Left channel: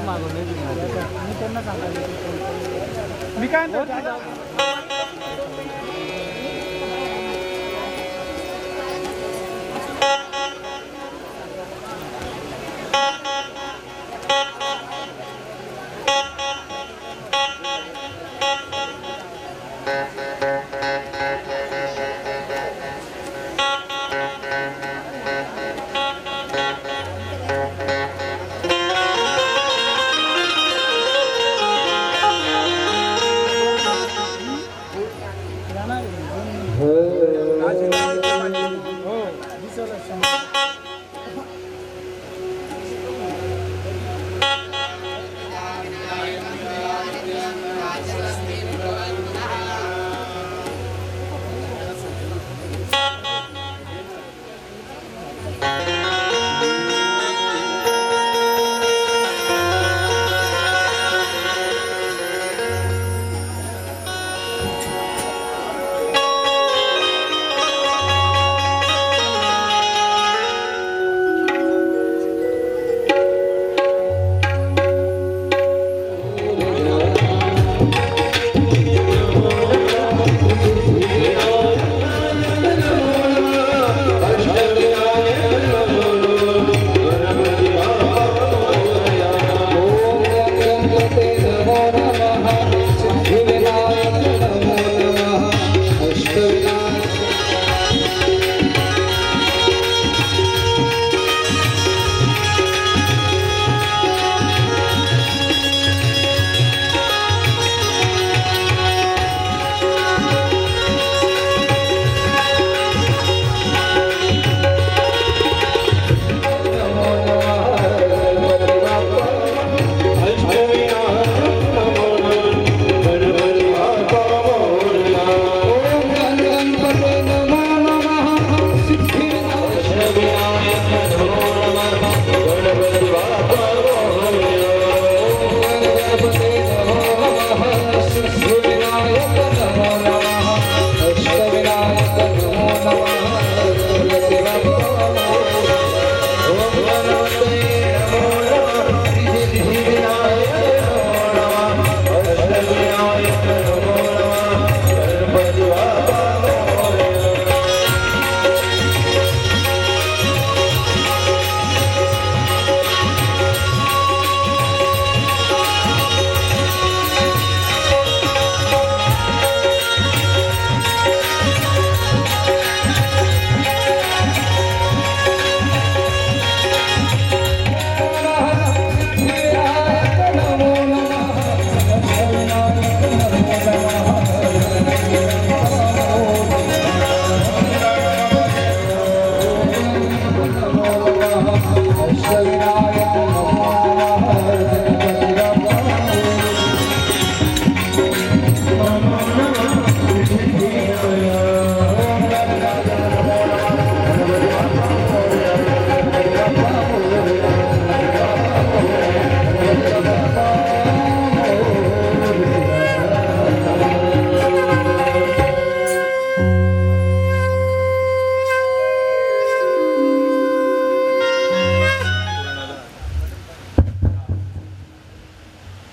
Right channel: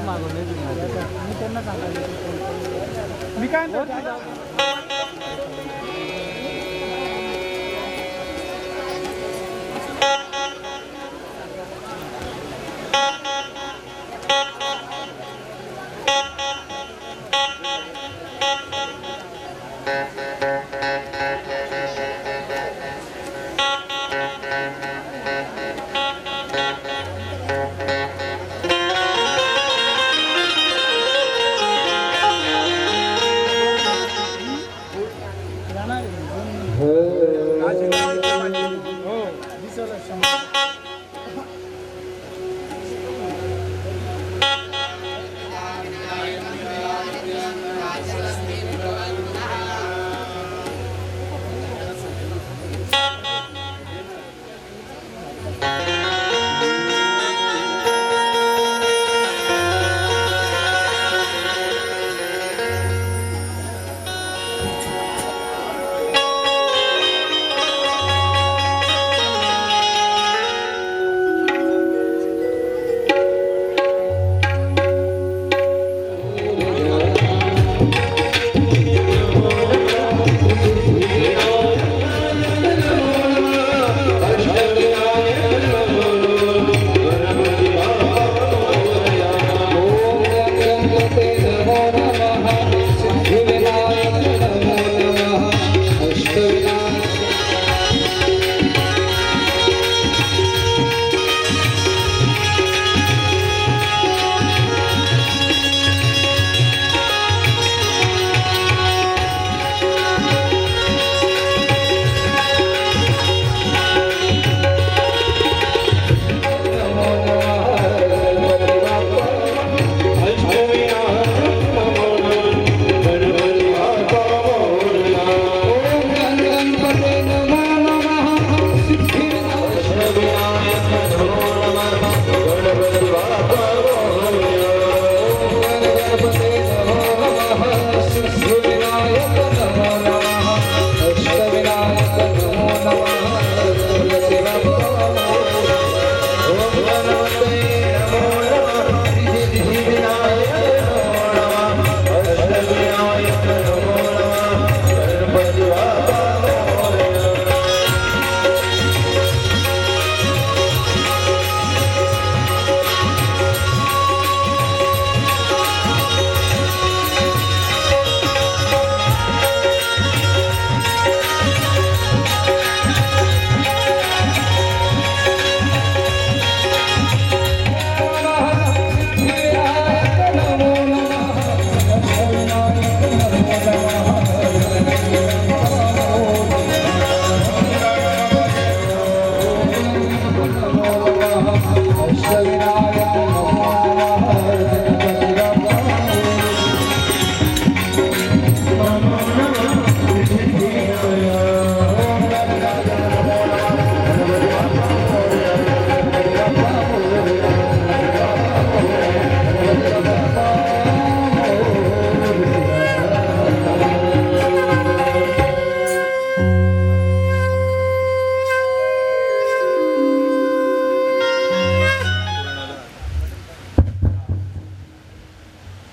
मागून नाही तुम्ही मी त्यांना सांगायचं मी काय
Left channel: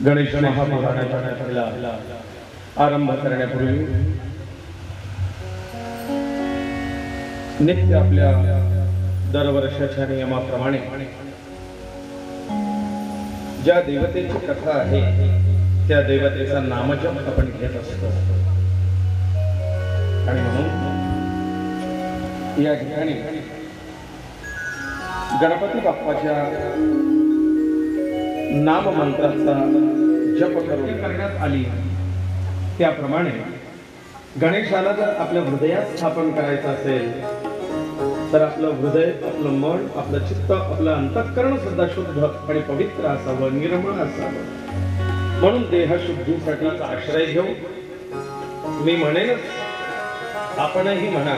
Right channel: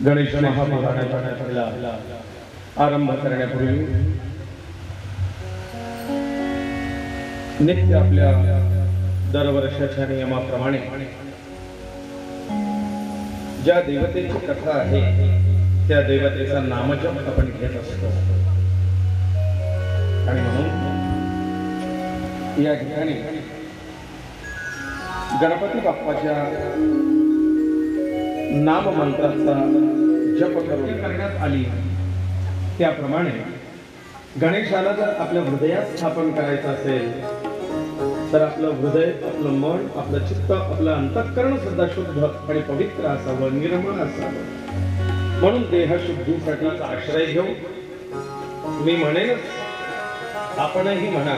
गणेश महापुराणाचा आरंभ करण्यापूर्वी नित्य आपल्या दरवर्षाच्या नियमाप्रमाणे ज्या देवतेची कथा आहे त्या देवतेचा नामजप आपण घेत असतो आणि म्हणून या ठिकाणी गणपती बाप्पाच्या नाम मंत्राचा जप करण्यात आली त्याप्रमाणे गणेशाला जर आपल्या हृदयात स्थापन करायचं असेल तर आपलं हृदय, आपलं मन, आपलं चित्त, आपलं अंतःकरण सुद्धा शुद्ध आणि पवित्र असावं, निर्मळ असावं. म्हणून देहशुद्धीसाठीचा आश्रय घेऊ. मी म्हणेनच आपणही म्हणा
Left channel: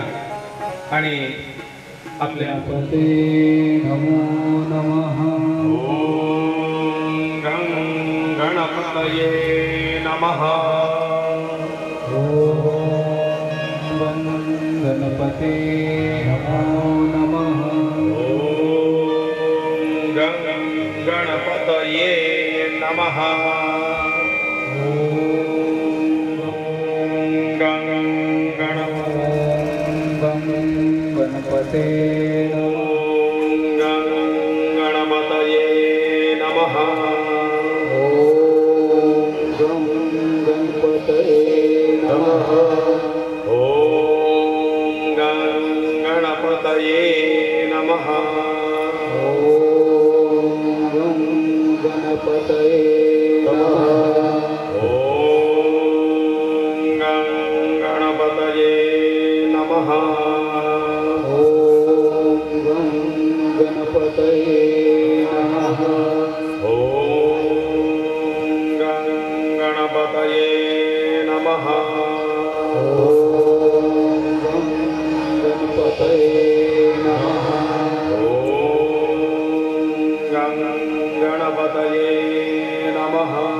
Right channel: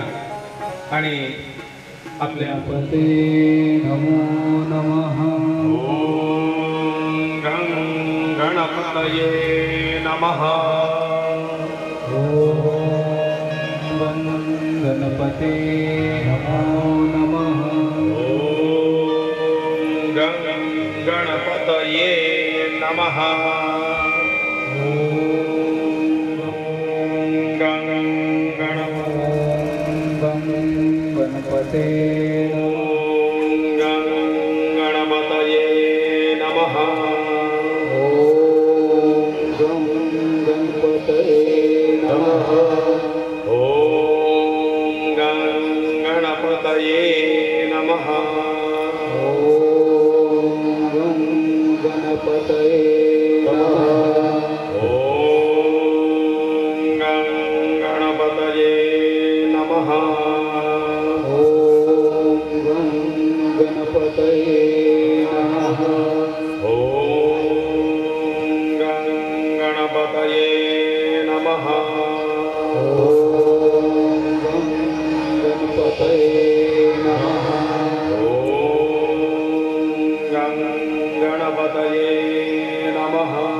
आणि आपल्या नमो नमः. ओम गणपतये नमः. ओम गणपते नमो नमः. ओम गणपतये नमः गं गणपते गं गणपतये नमः गं गणपतये नमः गं गणपतये नमः गं गणपतये नमः गं गणपतये नमः गं गणपतये नमः गं गणपतये नमः गं गणपतये नमः गं गणपतये नमः गं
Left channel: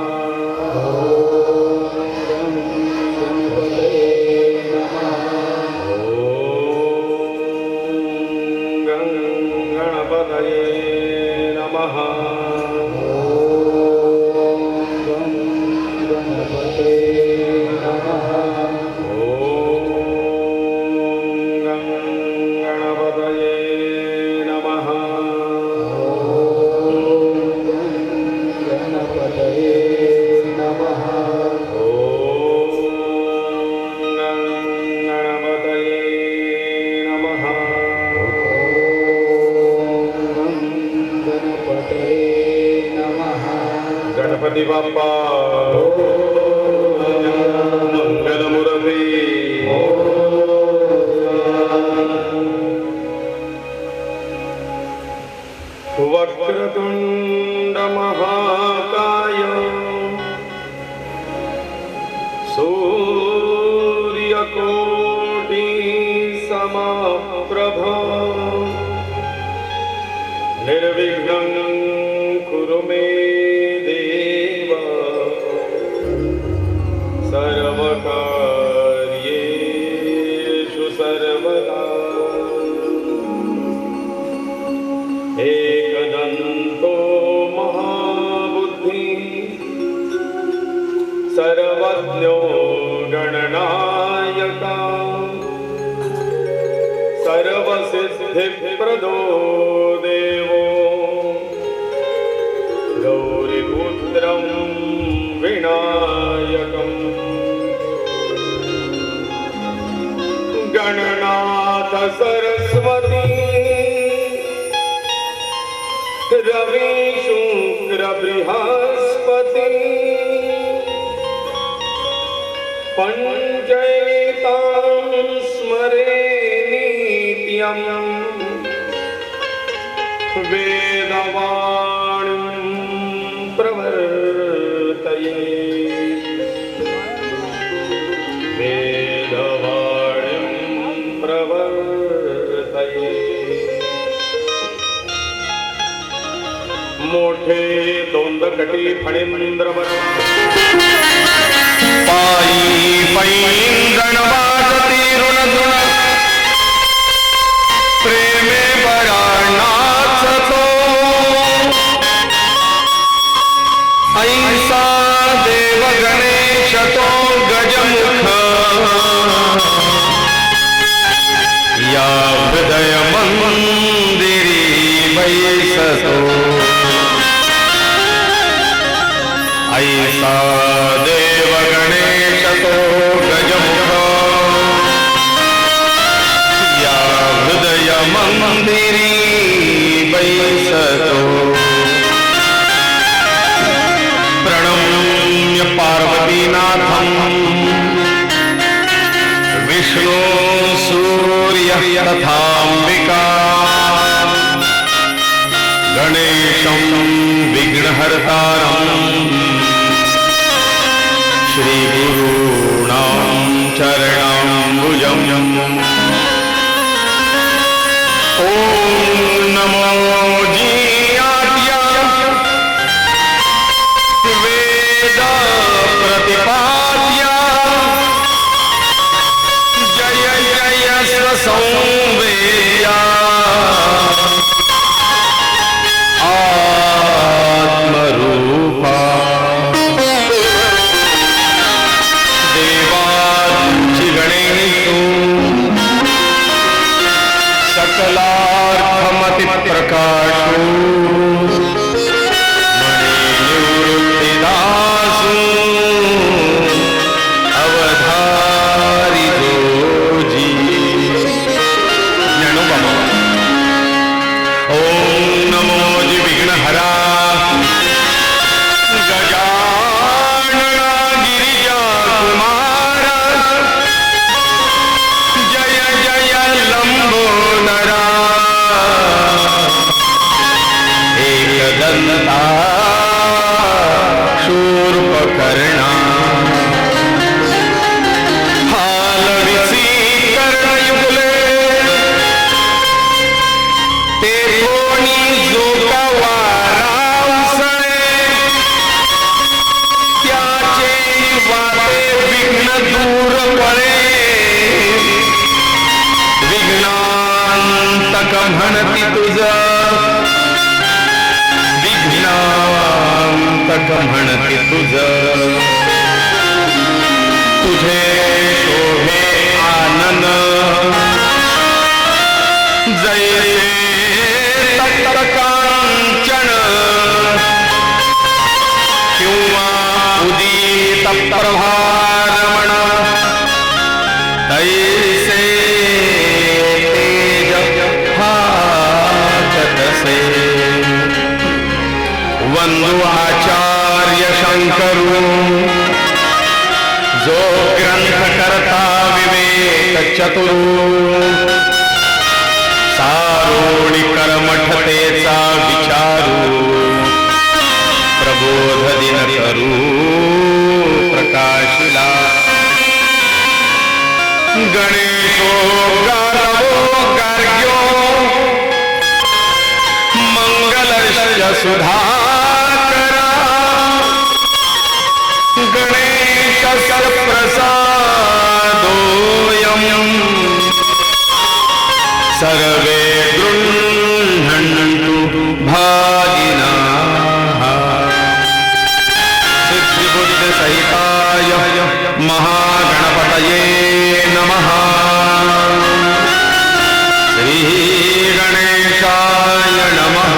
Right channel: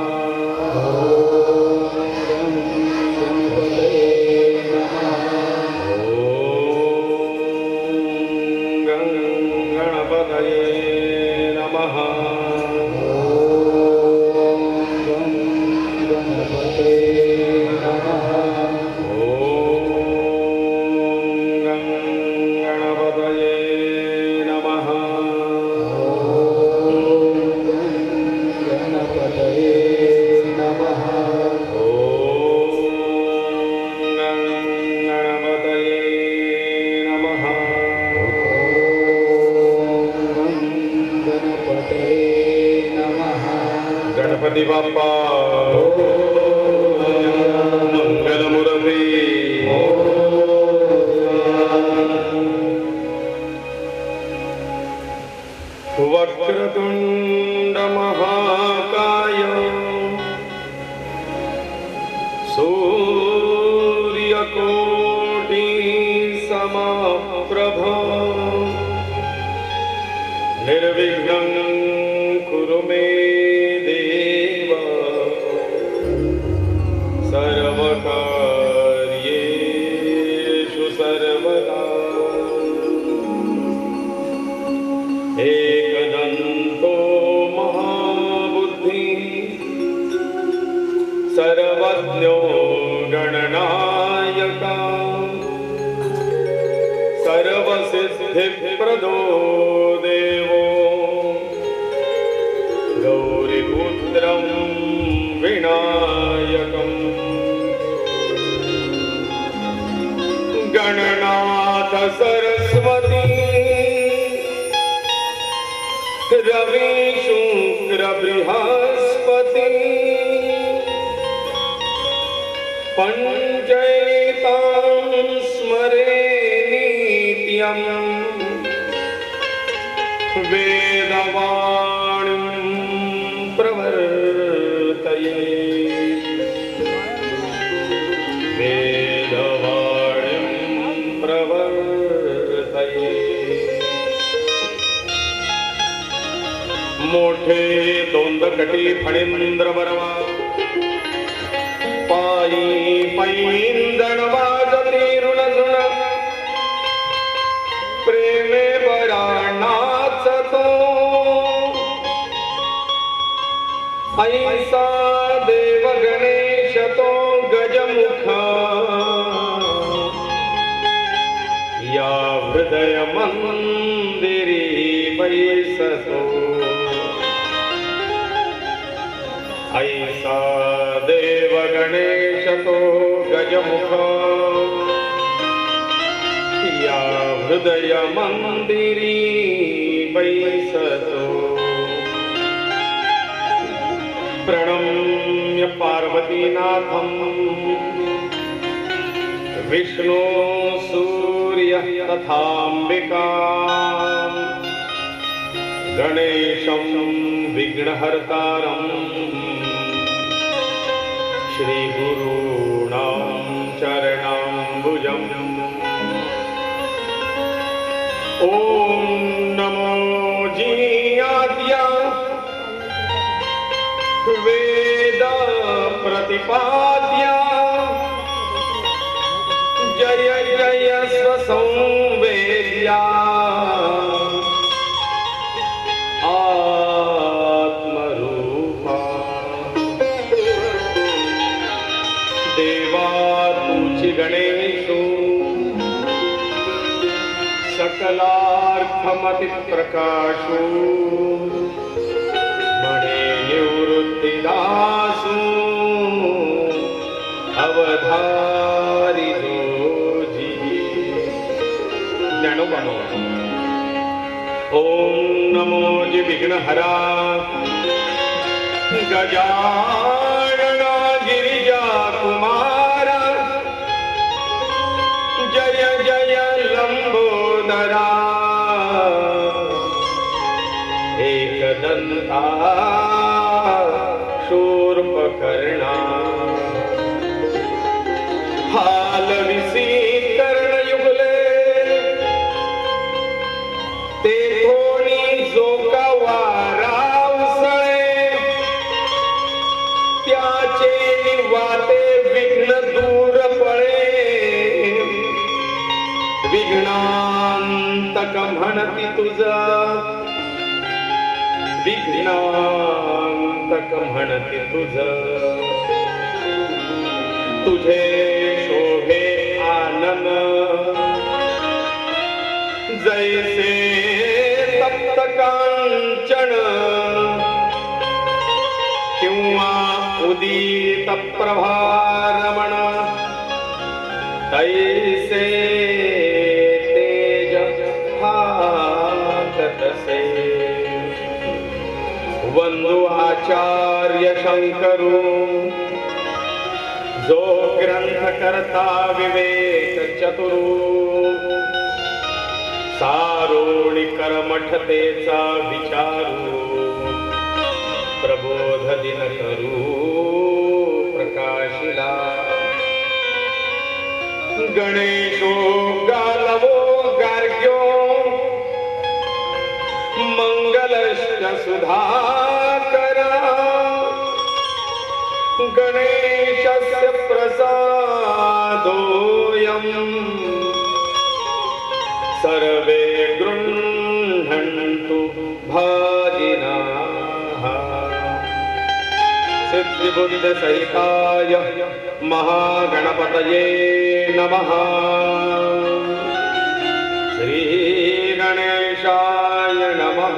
गणपतये नमः गं गणपतये नमः गं गणपते नमः गं गणपतये नमः गणपतये नमः गं गणपतये नमः गणपतये नमः गणपती बाप्पा मंगलमूर्ती वक्रतुंड महाकाय सूर्यकोटि समप्रभ निर्विघ्नं कुरु मे देव सर्वकार्येषु सर्वदा एकदन्तो महाबुद्धि सर्वज्ञो गणनायका सर्वसिद्धिप्रदो देवो गौरीपुत्रं विनायकम् गणनाथ सरस्वती रवि शुक्र बृहस्पति पंचैतां स्मरे नित्यं वेदवाणीं प्रवर्तये वेदवाणीं प्रवर्तये मोठे दोंदकटी फणींद्र बरवा पायी पैंद्रण वाजती रुणधुण प्रेमे पराणाचतो ऐसा देव गणेश तो गजमुख या हृदय मंदिरी बैसतो ऐसा देव गणेश तो गजमुख या हृदय मंदिरी बैसतो प्रणम्य पार्वतीनाथं विष्णु सूर्य तथाम्बिका गणेशं विघ्नहर्तारम् श्रीगुरूणां चरणाम्बुजम् ॐ नमो जीयाय वेद प्रतिपाद्य जय जय संवेया आत्मरूपा म्हणती तुझ तुझे शोभे आनन जैसे तटकांचन किंवा उदित प्रभारमण ऐसे तेज भासतसे वंदो आचार्य शंकरू जो ग्रंथ करता विवेक चतुरू सारोणी कर्मठतेचा विचारू प्रबोध दिन करू प्रकाशिला गणेशो गारो गार्ग्यो मंगलश्च सुधाकरा गणेश सर्वप्रसादोऽयं सर्वे गृह्णन्तु भागिनाः सिद्धिबुद्धिसहिताय महागणपतये नमः श्रीगणेशाय नमः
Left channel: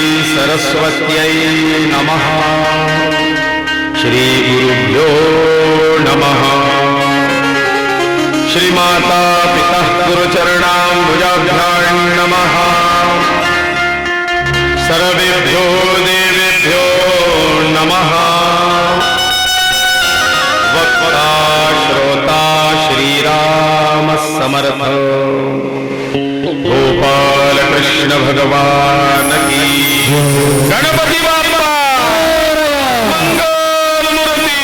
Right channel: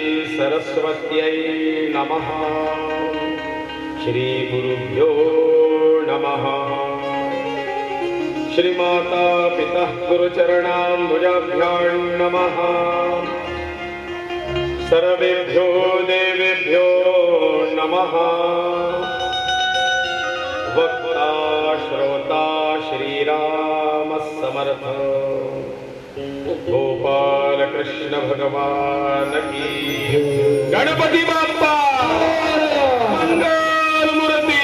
श्रीसरस्वत्यै नमः श्रीगुरुभ्यो नमः श्रीमाता पिता गुरुचरणाम्बुजाभ्यां नमः सर्वेभ्यो देवेभ्यो नमः वक्ता श्रोता श्रीराम समर्थ गोपाल कृष्ण भगवान की गणपति बाप्पा मंगलमूर्ति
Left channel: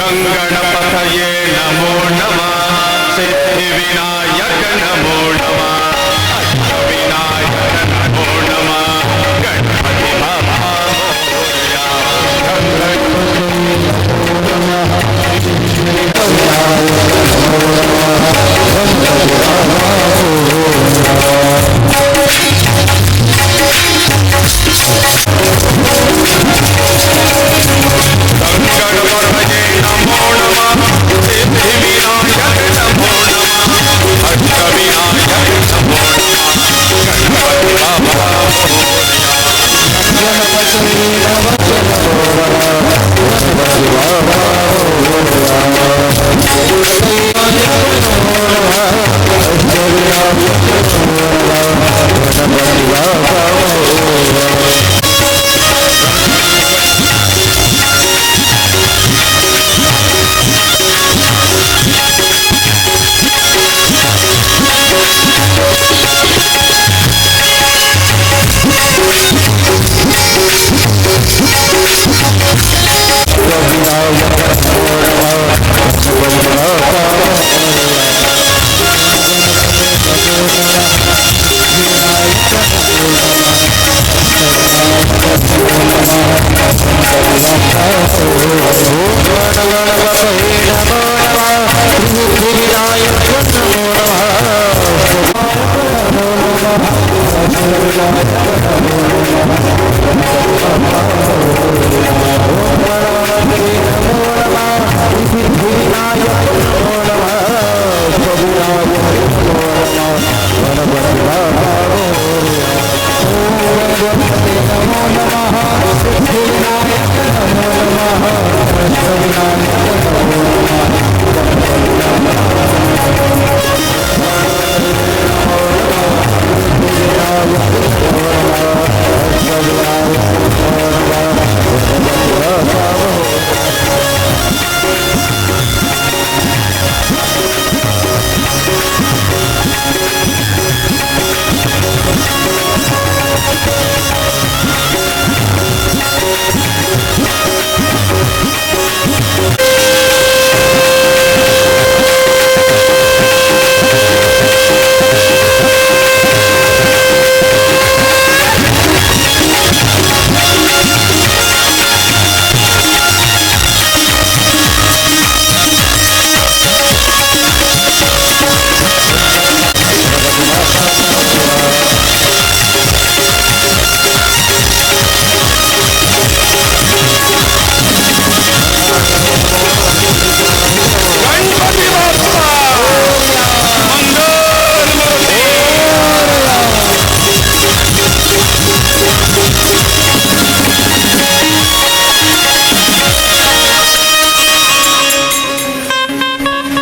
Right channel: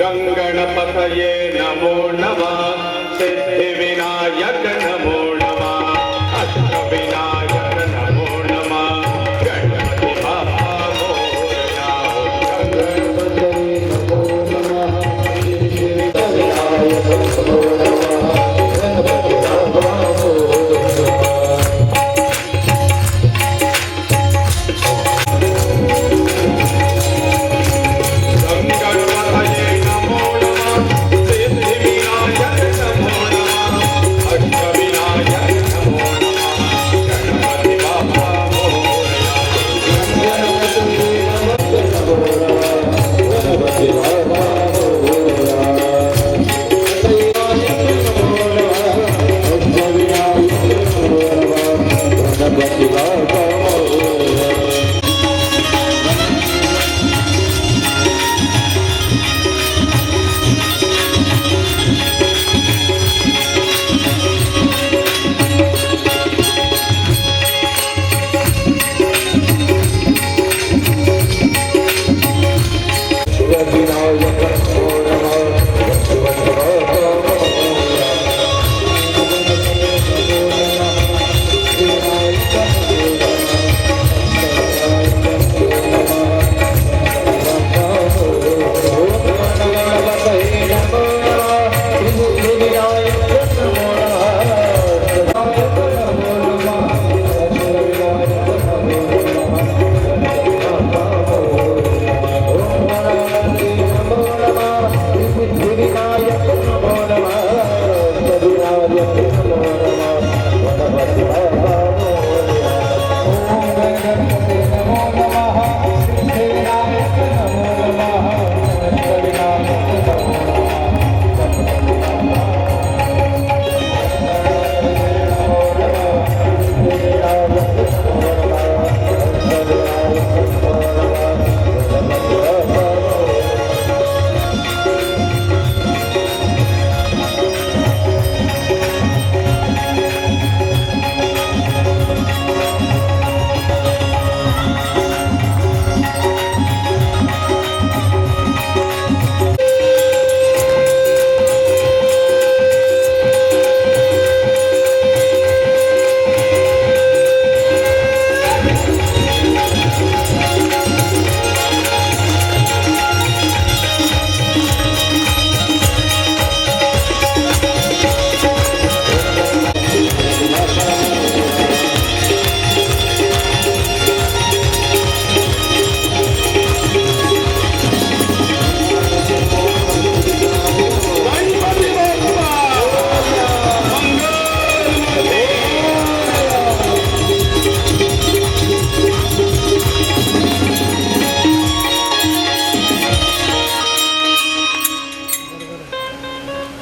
गंगणपतये नमो नमः सिद्धिविनायक नमो नमः अष्टविनायक नमो नमः गणपति बाप्पा मोरया।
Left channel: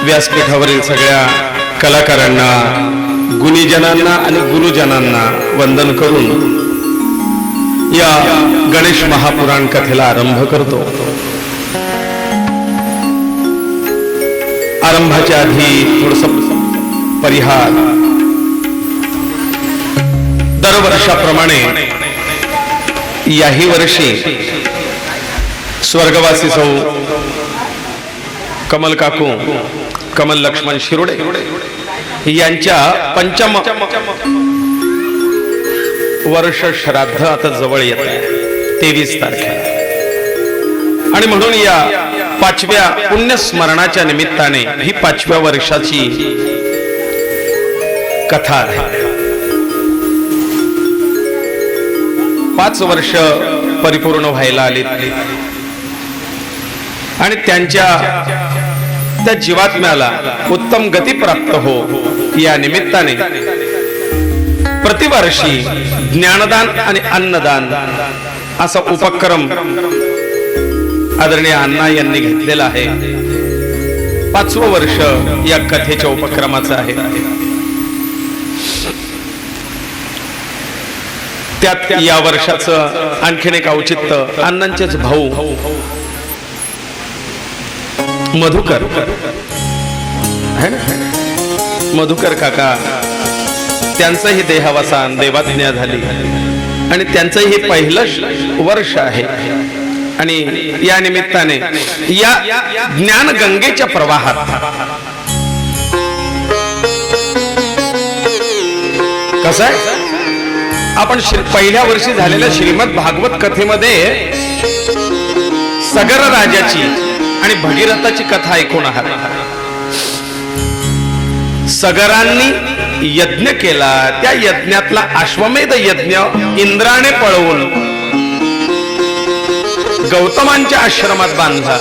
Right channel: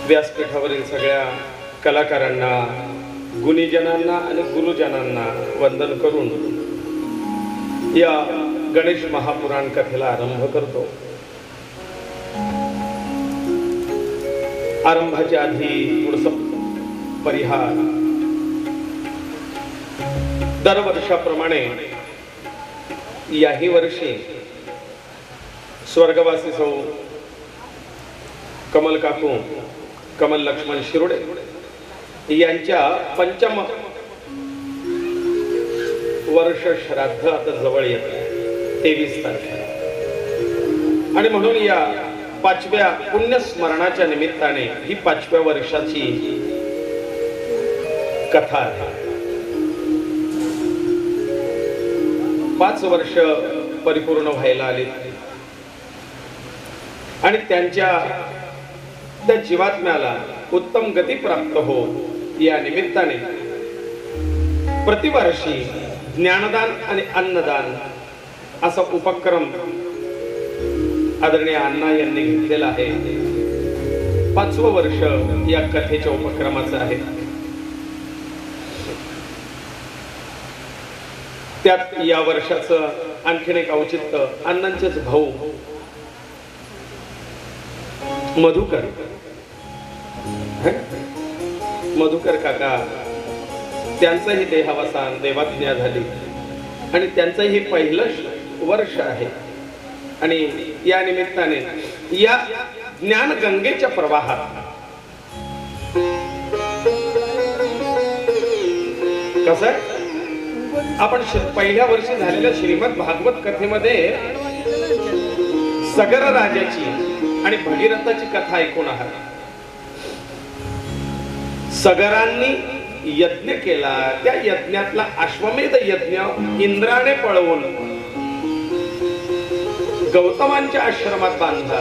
व्यासपीठावरील सगळ्या कलाकारांना, गुणीजनांना आणि गुरुजनांना वंदन करून या गणेश महापुराण कथेला आरंभ करतो. आरंभाच्या आधी थोडस परिहार. दरवर्षाप्रमाणे याही वर्षी स्वर्गवासी सौ कमल काकू, कमल लक्ष्मण शिरोडे यांच्या पंचम वर्ष श्राद्ध आता जवळ येत आहे, 23 तारखेला. आणि म्हणून या 5व्या पुण्यस्मरणाच्या निमित्ताने ही 5व्या वर्षाची कथा आहे. 5 वर्ष परिपूर्ण व्हायला आली आणि त्यांच्या त्या जीवात्म्याला उत्तम गती प्राप्त हो या निमित्ताने प्रतिवर्षी ज्ञानदान आणि अन्नदान असा उपक्रम आदरणीय अण्णा यांनी घेतलेला आहे. 5वं वर्ष या कथेच्या उपक्रमाचं आहे. त्यात या वर्षाचं आणखीन एक औचित्य, अण्णांचेच भाऊ मधुकर मधुकर काका, त्यांचंही देहावसान, देवाज्ञा झाली आणि त्यांचंही पहिलं वर्ष आहे. आणि या निमित्ताने या ज्ञान गंगेच्या प्रवाहात कसं आहे, आपण पहिल्या वर्षी झालेल्या श्रीमद भागवत कथेमध्ये सगर राजाची आणि भगीरथाची कथा ऐकून आहात. सगरांनी यज्ञ केला, त्या यज्ञातला अश्वमेध यज्ञ इंद्राने पळवून गौतमांच्या आश्रमात बांधला.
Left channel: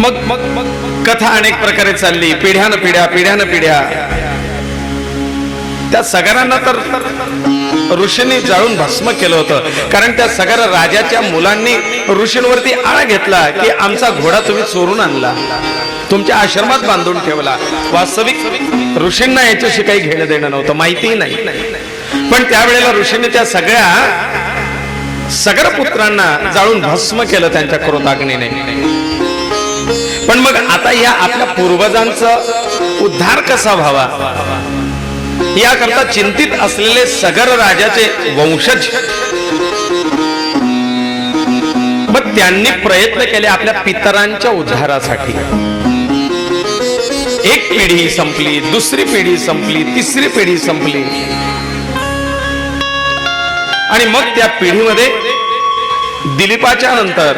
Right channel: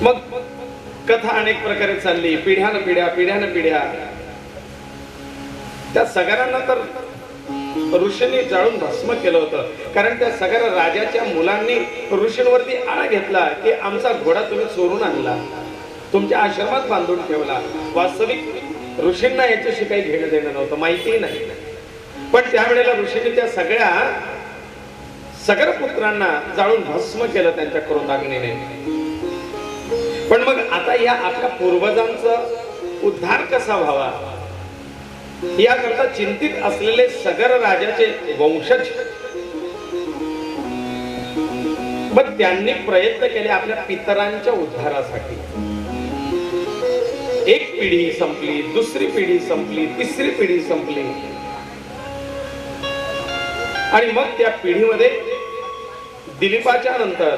मग कथा अनेक प्रकारे चालली, पिढ्यान पिढ्या. त्या सगरांना तर ऋषींनी जाळून भस्म केलं होतं, कारण त्या सगर राजाच्या मुलांनी ऋषींवरती आळा घेतला की आमचा घोडा तुम्ही चोरून आणला, तुमच्या आश्रमात बांधून ठेवला. वास्तविक ऋषींना याच्याशी काही घेणं देणं नव्हतं, माहितीही नाही. पण त्यावेळेला ऋषींनी त्या सगळ्या सगर पुत्रांना जाळून भस्म केलं त्यांच्या क्रोधाग्नीने. पण मग आता या आपल्या पूर्वजांचा उद्धार कसा व्हावा याकरता चिंतित असलेले सगर राजाचे वंशज मग त्यांनी प्रयत्न केले आपल्या पितरांच्या उद्धारासाठी. एक पिढी संपली, दुसरी पिढी संपली, तिसरी पिढी संपली आणि मग त्या पिढीमध्ये दिलीपाच्या नंतर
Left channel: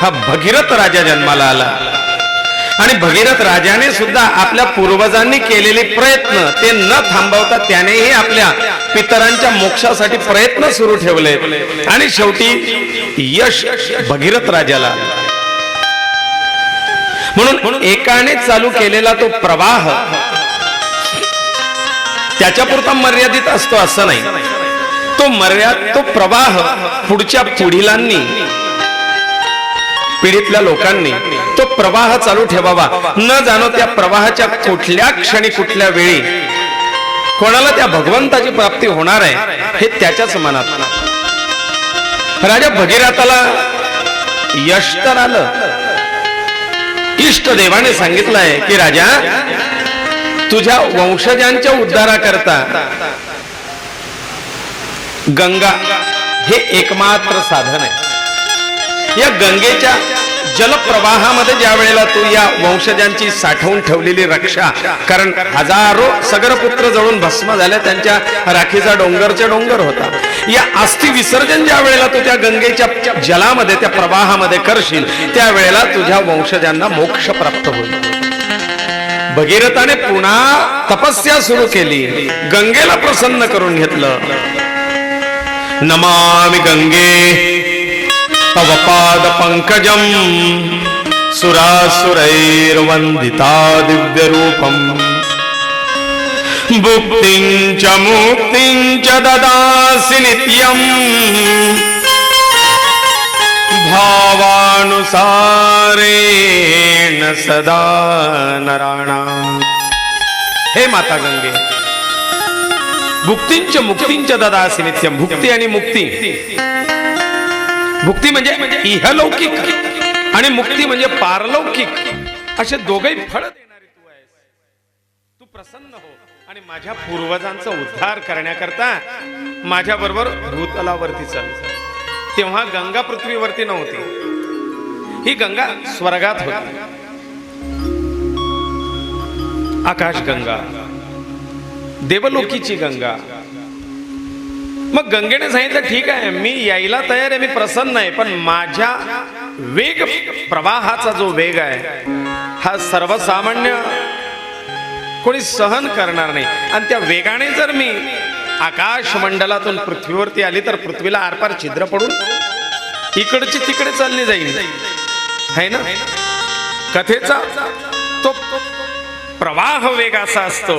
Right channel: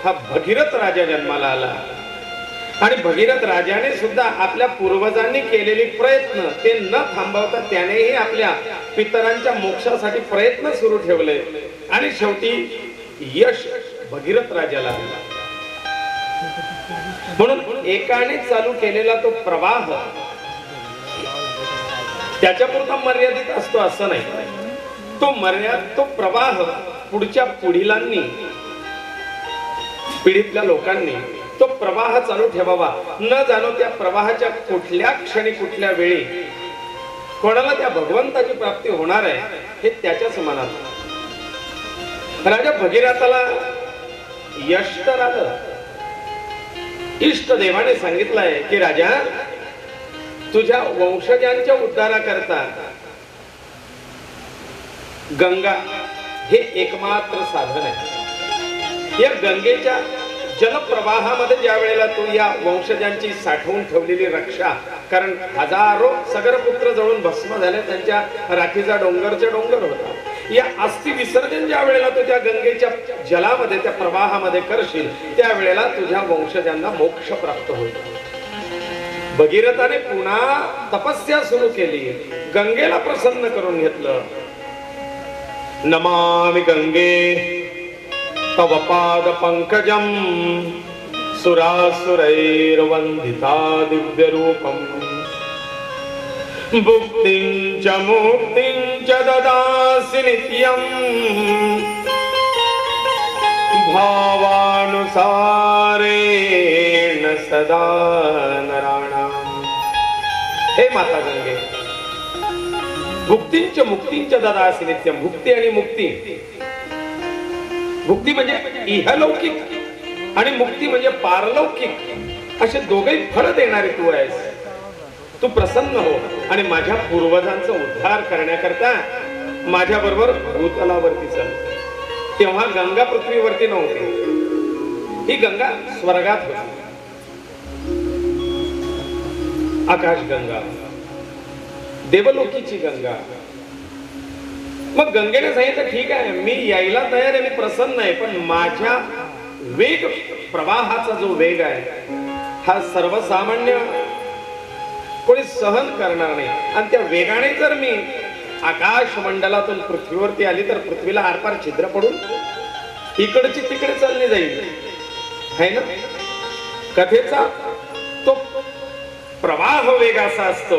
हा भगीरथ राजा जन्माला आला. आणि भगीरथ राजाने सुद्धा आपल्या पूर्वजांनी केलेले प्रयत्न ते न थांबवता त्यानेही आपल्या पितरांच्या मोक्षासाठी प्रयत्न सुरू ठेवले आणि शेवटी यश भगीरथ राजाला. म्हणून एकाने चालू केलेला तो प्रवाह त्याच्यापुरता मर्यादित असतो असं नाही. तो प्रवाह पुढच्या पिढीलांनी, पिढीतल्या लोकांनी तो प्रवाह चालू ठेवावा. न जाणो त्या प्रवाहाच्या कुठल्या क्षणी कुठल्या वेळी कोणाला त्या भगवंताची प्राप्ती होणार आहे हे त्याच्याच मनात. राजा भगीरथाला यश तर आलं. इष्ट देवाने सांगितलंय की राजा, तुझ्या वंशजांच्या उद्धाराकरता गंगा हे एकमात्र साधन आहे. या गंगेच्या जलप्रवाहामध्ये ज्या वेळेला तू या वंशजांची साठवून ठेवलेली रक्षा, कारण हजारो सगरपुत्र जळून भस्म झाल्या, त्यांच्या राखीचा डोंगर होता. या अस्थि विसर्जन ज्या वेळेला तू त्या गंगेच्या जलामध्ये, त्या प्रवाहामध्ये करशील, त्या वेळेला तुझ्या वंशजांना मोक्ष प्राप्त होईल. भगीरथाने पुन्हा तपस्या सुरू केली, गंगेला प्रसन्न करून घेतलं. नमामि गंगे तव पाद पंकजम सुरासुरैर्वन्दिता दिव्य रूपम भुक्तिं च मुक्तिं च ददासि नित्यं भावा नियमानुसारेण सदा नराणाम्. हे माता गंगे, भुक्तींच मुक्तींच ददासी नित्यम. भुक्ती आणि मुक्ती. भुक्ती म्हणजे इहलौकिक आणि मुक्ती म्हणजे पारलौकिक, असे दोघेही फळ देणारे तू आहेस. तू प्रसन्न हो आणि माझ्या पूर्वजांचा उद्धार करण्याकरता माझ्या बरोबर भूतलावरती चल. तेव्हा गंगा पृथ्वीवरती नव्हती, ही गंगा स्वर्गात होती. आकाश गंगा, देवलोकीची गंगा. मग गंगेने सांगितलं ठीक आहे, मी यायला तयार आहे, मी प्रसन्न आहे, पण माझ्या वेग प्रवाहाचा जो वेग आहे हा सर्वसामान्य कोणी सहन करणार नाही. आणि त्या वेगाने जर मी आकाश मंडलातून पृथ्वीवरती आली तर पृथ्वीला आरपार छिद्र पडून इकडची तिकडे चालली जाईल, है ना. कथेचा तो प्रवाह वेग असा असतो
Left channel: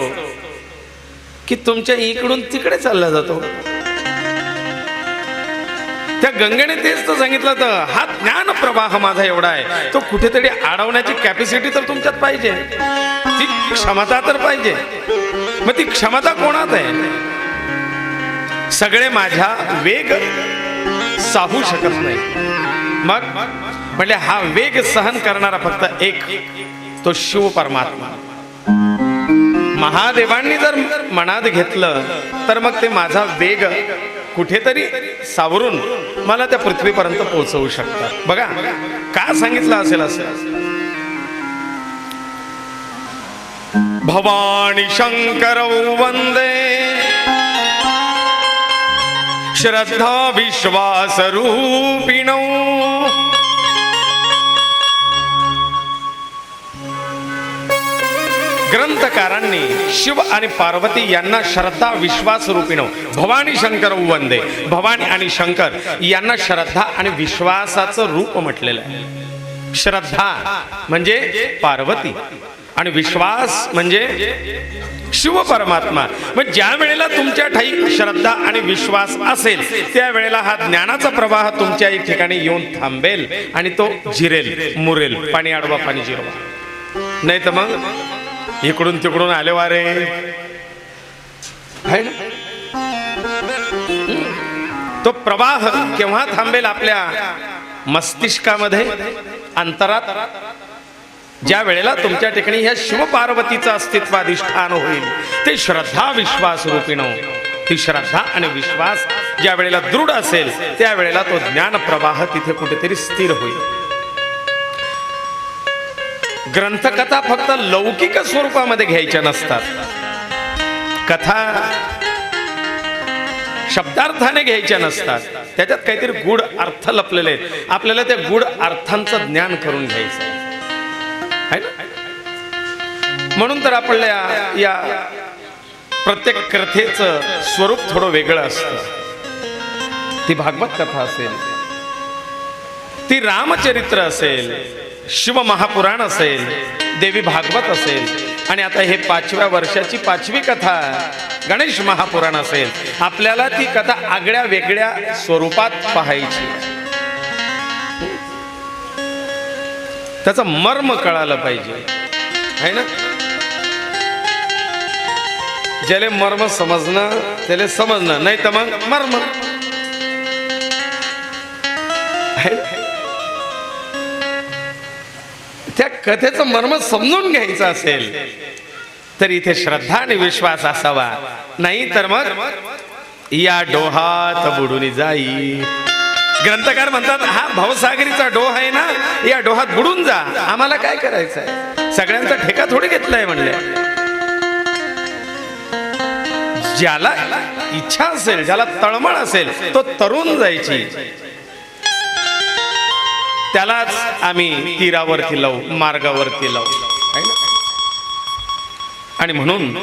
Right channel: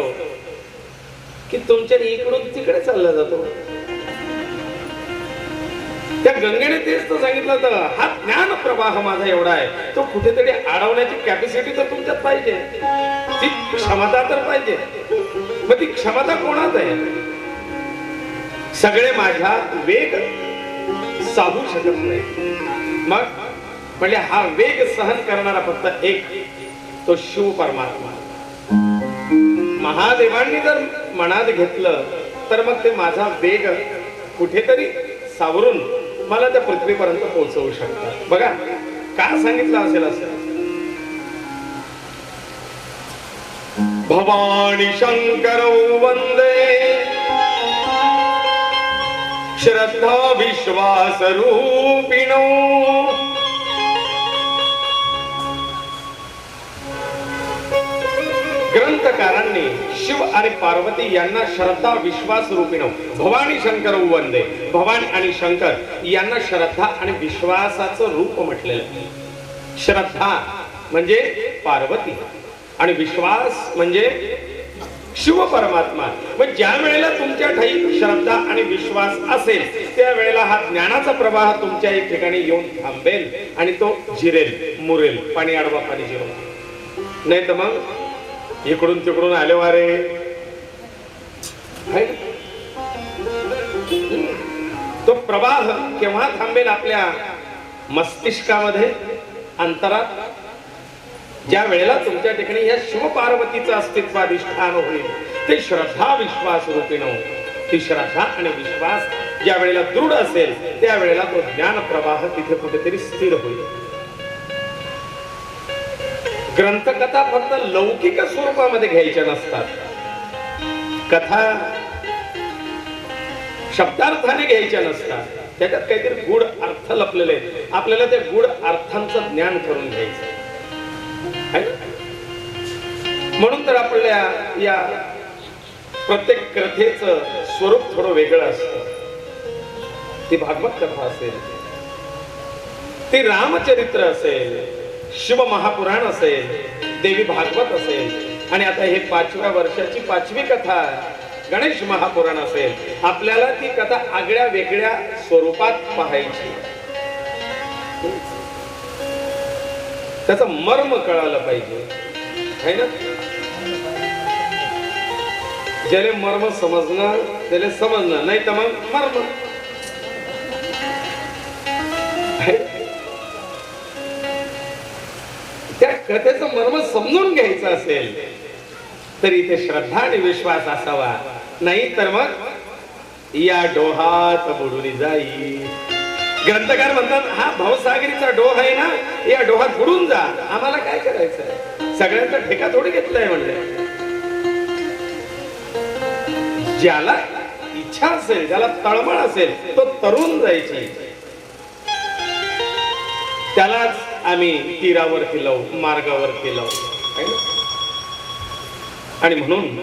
की तुमच्या इकडून तिकडे चालला जातो. त्या गंगेने तेच तर सांगितलं, तर हा ज्ञान प्रवाह माझा एवढा आहे, तो कुठेतरी अडवण्याची कॅपॅसिटी तर तुमच्यात पाहिजे, ती क्षमता तर पाहिजे. मग ती क्षमता कोणात आहे? सगळे माझ्या वेग साहू शकत नाही. मग म्हणजे हा वेग सहन करणारा फक्त एक, तो शिव परमात्मा. महादेवांनी जर मनात घेतलं तर मग ते माझा वेग कुठेतरी सावरून मला त्या पृथ्वीपर्यंत पोहोचवू शकतात. बघा का सांगितलं असेल असं. भवानी शंकर वंदे श्रद्धा विश्वास रूपिणो. ग्रंथकारांनी शिव आणि पार्वती यांना श्रद्धा विश्वास रूपिणो भवानी शंकर वंदे. भवानी आणि शंकर यांना श्रद्धा आणि विश्वासाचं रूप म्हटलेलं आहे. श्रद्धा म्हणजे पार्वती आणि विश्वास म्हणजे शिव परमात्मा. मग ज्या वेळेला तुमच्या ठाई श्रद्धा आणि विश्वास असेल त्या वेळेला हा ज्ञानाचा प्रवाह तुमच्या एक ठिकाणी येऊन थांबेल आणि तो जिरेल, मुरेल. पाणी अडवा पाणी जिरवा. नाही तर मग इकडून तिकडून आले वारे. तो प्रवाह केव्हा थांबेल? आपल्या मस्तिष्कामध्ये, अंतरात, ज्या वेळेला तुमच्या ठिकाणी ह्या शिव पार्वतीचं अस्तित्व अधिष्ठान होईल. ते श्रद्धा विश्वास रूपिणो. ती श्रद्धा आणि विश्वास ज्या वेळेला दृढ असेल त्या वेळेला तो ज्ञान प्रवाह तिथे कुठेतरी स्थिर होईल. ग्रंथकथा फक्त लौकिक स्वरूपामध्ये घ्यायच्या नसतात. कथा शब्दार्थाने घ्यायच्या नसतात. त्याच्यात काहीतरी गूढ अर्थ लपलेले, आपल्याला त्या गूढ अर्थांचं ज्ञान करून घ्यायचं. म्हणून तर आपल्या या प्रत्येक कथेचं स्वरूप थोडं वेगळं असतं. ती भागवत कथा असेल, ती रामचरित्र असेल, शिव महापुराण असेल, देवी भागवत असेल, आणि आता हे 5व्या वर्षाची 5वी कथा गणेश महापुराण असेल. आपल्याला ती कथा आगळ्या वेगळ्या स्वरूपात पाहायची. त्याचं मर्म कळालं पाहिजे, है ना. ज्याला मर्म समजणं त्याला समजणं, नाही तर मग मर्म. त्या कथेचं मर्म समजून घ्यायचं असेल तर इथे श्रद्धा आणि विश्वास असावा. नाही तर मग या डोहात बुडून जाई. ग्रंथकार म्हणतात हा भवसागरीचा डोह आहे ना, या डोहात बुडून जा. आम्हाला काय करायचंय? सगळ्यांचा ठेका थोडी घेतलाय म्हणले. ज्याला इच्छा असेल, ज्याला तळमळ असेल, तो तरुण जायची. त्यालाच आम्ही तीरावरती लावू, मार्गावरती लावू. आणि म्हणून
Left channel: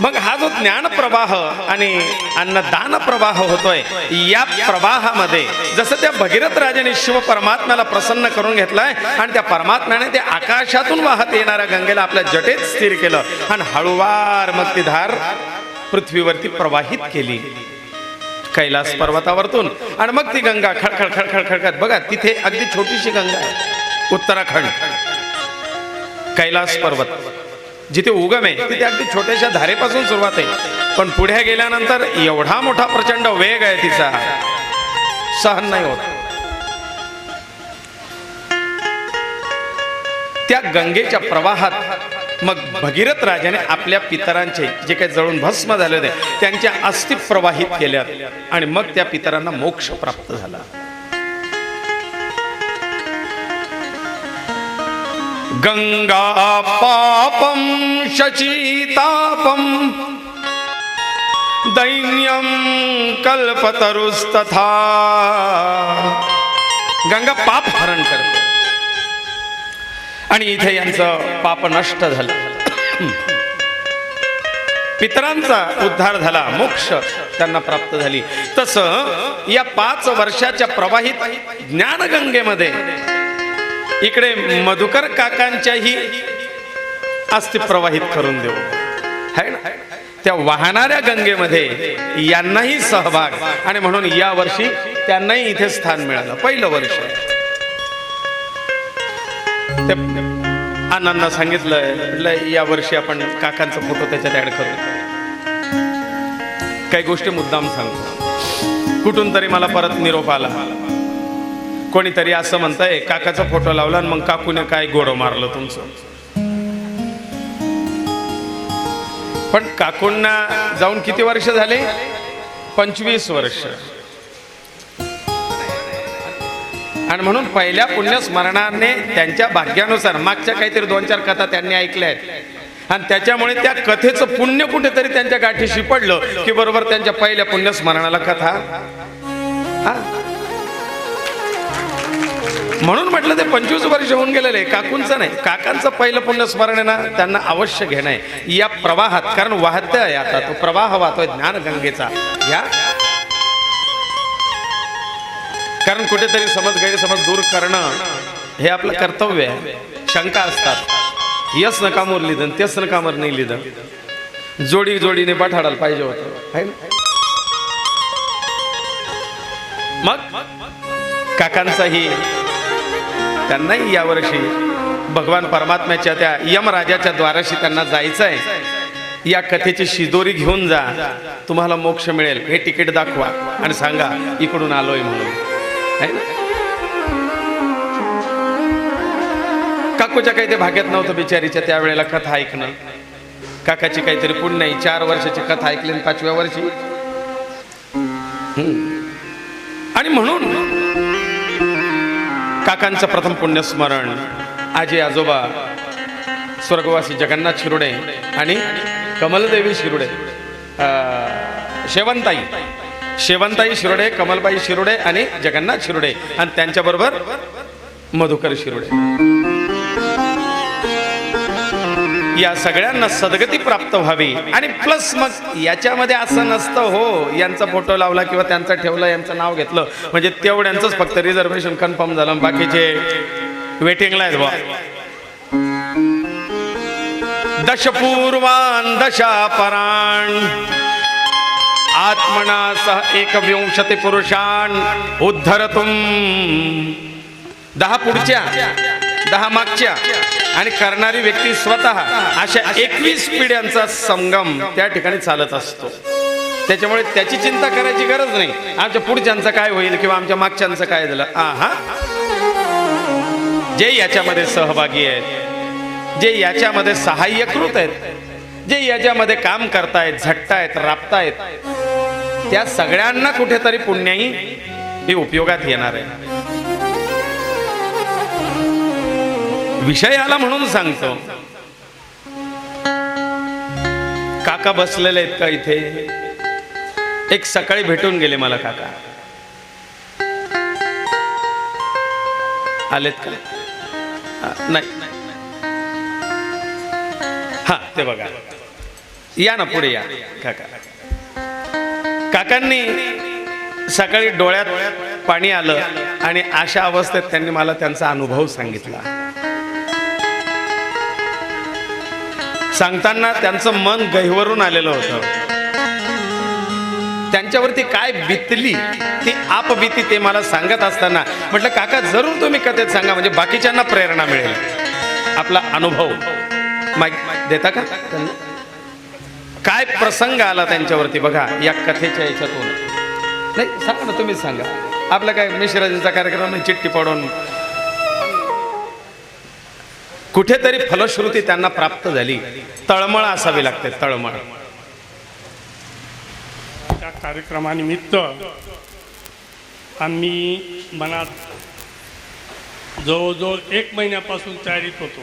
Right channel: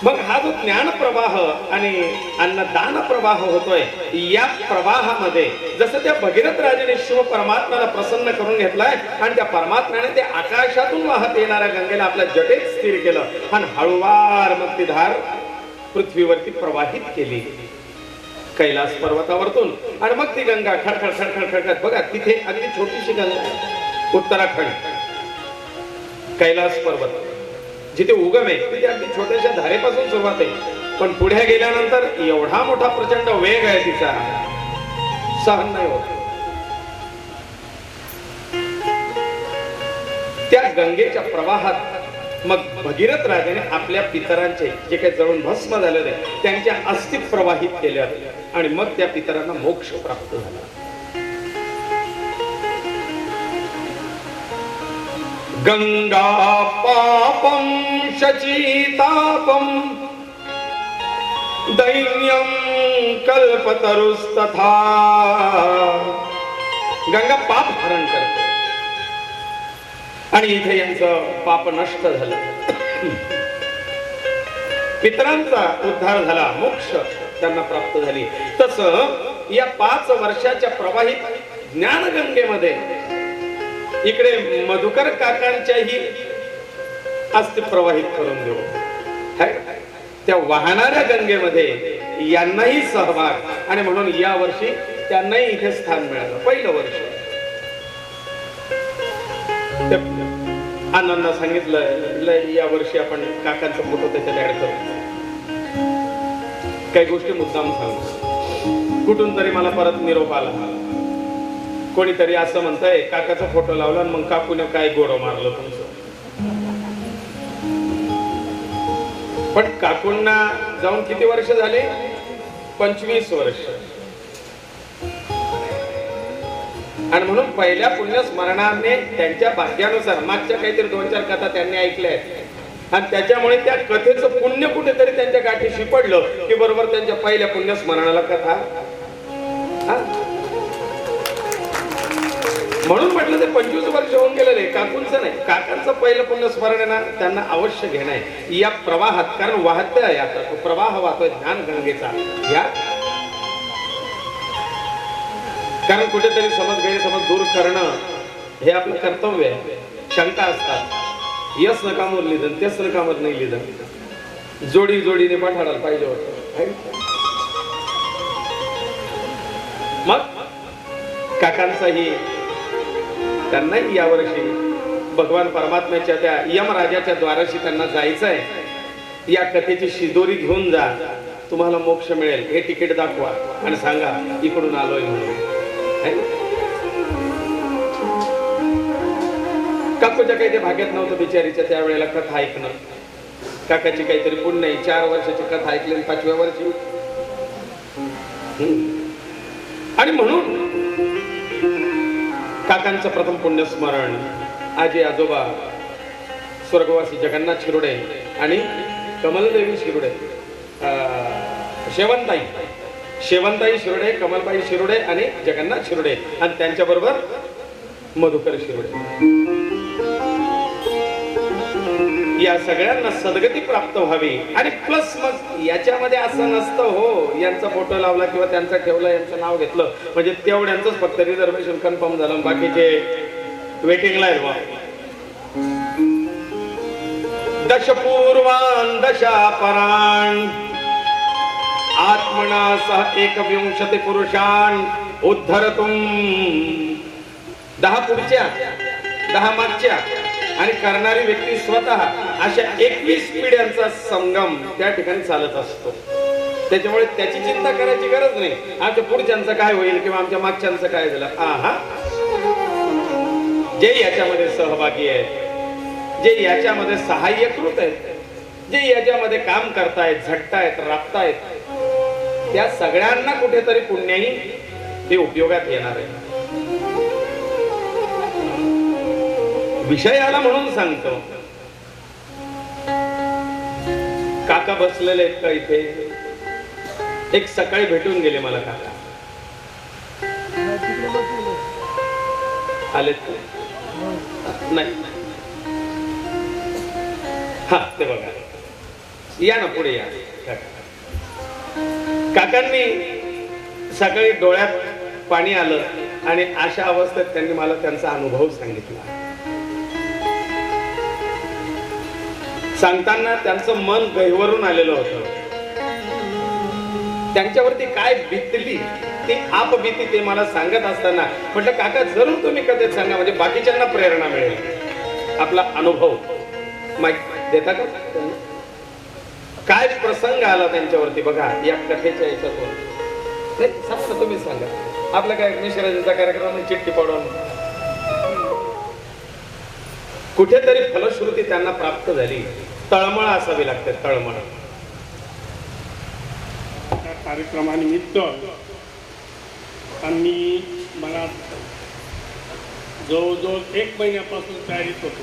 मग हा जो ज्ञान प्रवाह आणि अन्नदान प्रवाह होतोय, या प्रवाहामध्ये जसं त्या भगीरथ राजाने शिव परमात्म्याला प्रसन्न करून घेतलाय आणि त्या परमात्म्याने ते आकाशातून वाहत येणाऱ्या गंगेला आपल्या जटेत स्थिर केलं आणि हळूवार मग ती धार पृथ्वीवरती प्रवाहित केली. कैलास पर्वतावरतून. आणि मग ती गंगा खडखड खडखड खडखड. बघा तिथे अगदी छोटीशी गंगा आहे, उत्तराखंड कैलास पर्वत जिथे उगम आहे तिथे अगदी छोट्याशा धारेपासून सुरुवात आहे, पण पुढे गेल्यानंतर एवढा मोठा प्रचंड वेग आहे तिचा, सहन नाही होत. त्या गंगेच्या प्रवाहात मग भगीरथ राजाने आपल्या पितरांचे जे काही जळून भस्म झाले होते त्यांच्या अस्थी प्रवाहित केल्या आणि मग त्या पितरांना मोक्ष प्राप्त झाला. गंगा पापम शचीतापम दैन्यम कल्पतरुस्तथा. गंगा पाप हरण करते आणि इथे यांचं पाप नष्ट झालं, पितरांचा उद्धार झाला, मोक्ष त्यांना प्राप्त झाली. तसं या 5 वर्षाच्या प्रवाहित ज्ञानगंगेमध्ये इकडे मधुकर काकांच्याही अस्थि प्रवाहित करून देऊ. त्या वाहणाऱ्या गंगेमध्ये यांनाही सहभाग आणि म्हणून या वर्षी त्यांनाही इथे स्थान मिळालं. पहिलं वर्ष आनंद सांगितलं या वर्षी आपण काकांचा फोटो त्याच्यात ऍड करू. काही गोष्टी मुद्दाम सांगतो. कुठून तरी मला परत निरोप आला, कोणीतरी असं म्हणताय काकाचा फोटो लावला आणि मग काकूने काय गोडं मारलं तुमचं. पण काकूंना जाऊन किती वर्ष झाले? 25 वर्ष. आणि म्हणून पहिल्या पुण्यस्मरणाने त्यांच्या भाग्यानुसार मागच्या काहीतरी 2-4 कथा त्यांनी ऐकल्या आहेत आणि त्याच्यामुळे त्या कथेचं पुण्य कुठेतरी त्यांच्या गाठीशी पडलं की बरोबर त्यांच्या पहिल्या पुण्यस्मरणाला कथा. म्हणून म्हटलं ते 25 वर्ष होऊन गेलेले. काकूंचं नाही, काकांचं पहिलं पुण्यस्मरण आहे ना, त्यांना अवश्य घेणं आहे या प्रवाहात. कारण वाहत आहे आता तो प्रवाह वाहतोय ज्ञानगंगेचा या. कारण कुठेतरी गैरसमज दूर करणं हे आपलं कर्तव्य आहे. शंका असतात, यस नकामोर लिहिलं तेच नकामोर नाही लिहिलं, जोडी जोडीने पाठाडायला पाहिजे होतं. मग काकांचाही त्यांनाही यावर्षी भगवान परमात्म्याच्या त्या यमराजाच्या द्वाराशी त्यांना जायचं आहे. या कथेची शिदोरी घेऊन जा, तुम्हाला मोक्ष मिळेल. हे तिकीट दाखवा आणि सांगा इकडून आलोय म्हणून. काकूच्या काही ते भाग्यात नव्हतं बिचारीच्या त्यावेळेला कथा ऐकणं. काकाची काहीतरी पुण्य नाही, 4 वर्षाची कथा ऐकली 5व्या वर्षी. आणि म्हणून काकांचं प्रथम पुण्यस्मरण आजी आजोबा स्वर्गवासी जगन्नाथ शिरोडे आणि कमलदेवी शिरोडे, शेवंताई शिरोडे, कमलबाई शिरोडे आणि जगन्नाथ शिरोडे आणि त्यांच्याबरोबर मधुकर शिरोडे. या सगळ्यांना सद्गती प्राप्त व्हावी. आणि प्लस मग याच्यामध्ये असं नसतं हो यांचा फोटो लावला किंवा त्यांचा ठेवला यांचं नाव घेतलं म्हणजे तेवढ्यांचंच फक्त रिझर्वेशन कन्फर्म झालं, बाकीचे वेटिंगला आहे. दशपूर्वान दशापराण आत्मना सह 21 पुरुषान उद्धरतुम. 10 पुढच्या 10 मागच्या आणि करणारी व्यक्ती स्वतः अशा 21 पिढ्यांचा संगम त्या ठिकाणी चालत असतो. त्याच्यामुळे त्याची चिंता करायची गरज नाही, आमच्या पुढच्यांचं काय होईल किंवा आमच्या मागच्यांचं काय झालं. जे याच्यामध्ये सहभागी आहेत, जे याच्यामध्ये सहाय्यकृत आहेत, जे याच्यामध्ये काम करतायत, झटतायत, राबतायत, त्या सगळ्यांना कुठेतरी पुण्याही हे उपयोगात येणार आहे. विषय आला म्हणून सांगतो. काका बसलेले आहेत का इथे? एक सकाळी भेटून गेले मला काका. आलेत का? नाही. हा ते बघा, या ना पुढे या. काकांनी सकाळी डोळ्यात पाणी आलं आणि अशा अवस्थेत त्यांनी मला त्यांचा अनुभव सांगितला. सांगताना त्यांचं मन गहिवरून आलेलं होतं. त्यांच्यावरती काय बितली ती आप भीती ते मला सांगत असताना म्हटलं काका जरूर तुम्ही कथेत सांगा म्हणजे बाकीच्यांना प्रेरणा मिळेल. आपला अनुभव माईक देता का? काय प्रसंग आला त्यांच्यावरती बघा या कथेच्या याच्यातून. नाही सांगा ना, तुम्ही सांगा. आपला काय मिश्राजीचा कार्यक्रम चिठ्ठी पडून कुठेतरी फलश्रुती त्यांना प्राप्त झाली. तळमळ असावी लागते, तळमळ. त्या कार्यक्रमानिमित्त आम्ही मनात जवळजवळ 1 महिन्यापासून तयारीत होतो.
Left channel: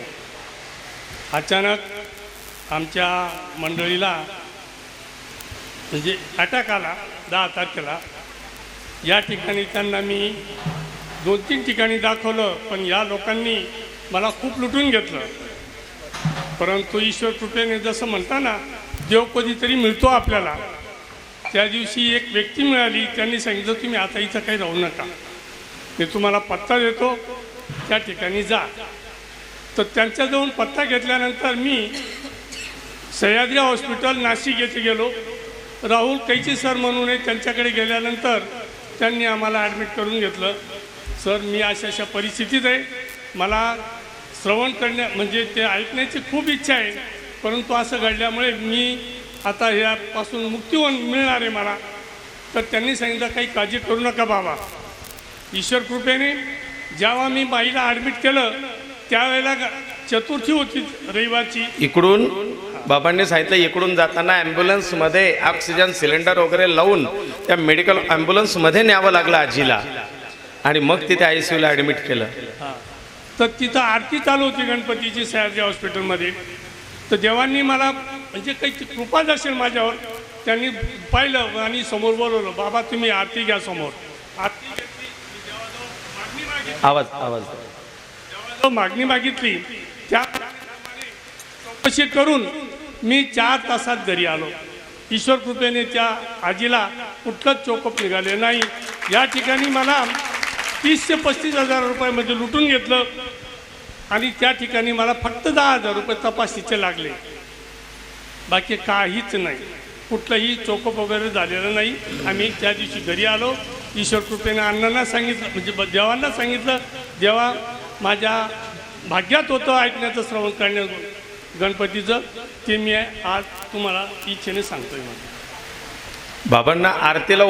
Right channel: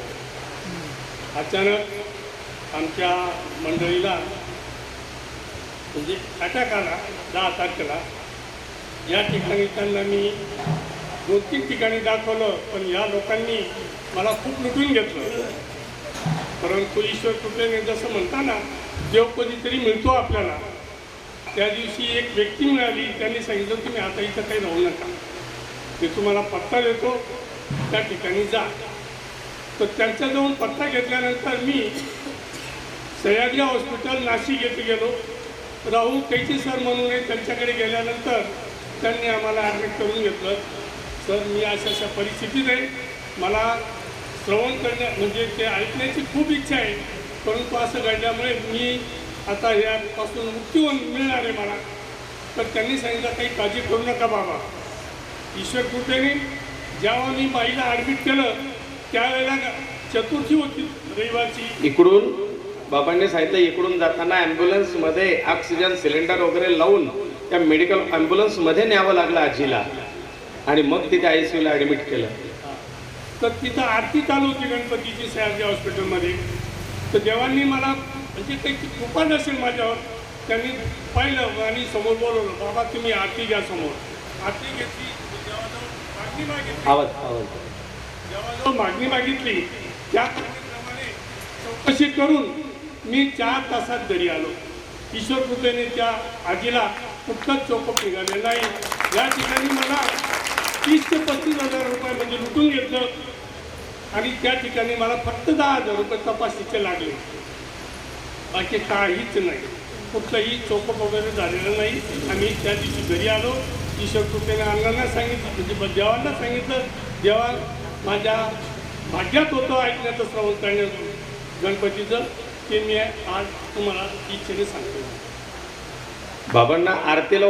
अचानक आमच्या मंडळीला म्हणजे अटॅक आला 10 तारखेला. या ठिकाणी त्यांना मी 2-3 ठिकाणी दाखवलं, पण या लोकांनी मला खूप लुटून घेतलं. परंतु ईश्वर कृपेने जसं म्हणताना देव कधीतरी मिळतो आपल्याला. त्या दिवशी एक व्यक्ती मिळाली, त्यांनी सांगितलं तुम्ही आता इथं काही राहू नका, मी तुम्हाला पत्ता देतो, त्या ठिकाणी जा. तर त्यांच्याजवळ पत्ता घेतल्यानंतर मी सह्याद्री हॉस्पिटल नाशिक येथे गेलो. राहुल कैची सर म्हणून त्यांच्याकडे गेल्यानंतर त्यांनी आम्हाला ॲडमिट करून घेतलं. सर मी अशा परिस्थितीत आहे, मला श्रवण करण्या म्हणजे ते ऐकण्याची खूप इच्छा आहे, परंतु असं घडल्यामुळे मी आता यापासून मुक्ती मिळणार आहे मला. तर त्यांनी सांगितलं काही काळजी करू नका बाबा. ईश्वर कृपेने जेव्हा मी बाईला ॲडमिट केलं त्यावेळेला चतुर्थी होती रविवारची. इकडून बाबांनी सांगितलं इकडून जाताना ॲम्ब्युलन्स मध्ये ऑक्सिजन सिलेंडर वगैरे लावून त्या मेडिकल ॲम्ब्युलन्स मध्ये न्यावं लागलं आजीला आणि मग तिथे ICU ला ॲडमिट केलं. तर तिथं आरती चालू होती गणपतीची सह्याद्री हॉस्पिटलमध्ये. तर देवांनी मला म्हणजे काही कृपा नसेल माझ्यावर, त्यांनी पाहिलं आणि समोर बोलवलं, बाबा तुम्ही आरती घ्या समोर. आरती घेतली, देवाजवळ मागणी मागितली. देवाजवळ मागणी मागितली. त्याप्रमाणे चौकशी करून मी 4 तासात घरी आलो. ईश्वर कृपेने त्या आजीला कुठलंच चोकप निघाले नाही. या ठिकाणी मला 30 ते 35 हजार रुपयामध्ये लुटून घेतलं आणि त्या ठिकाणी मला फक्त 10,000 रुपये तपासणीचे लागले, बाकी काहीच नाही. कुठलंही चोकप वगैरे झालेलं नाही. आम्ही त्या दिवशी घरी आलो. ईश्वर कृपेने अण्णांना सांगितलं म्हणजे देवांना सांगितलं, देवा माझ्या भाग्यात होतं ऐकण्याचं श्रवण करण्याचं गणपतीचं, ते मी आज तुम्हाला इच्छेने सांगतोय. बाबांना आरतीला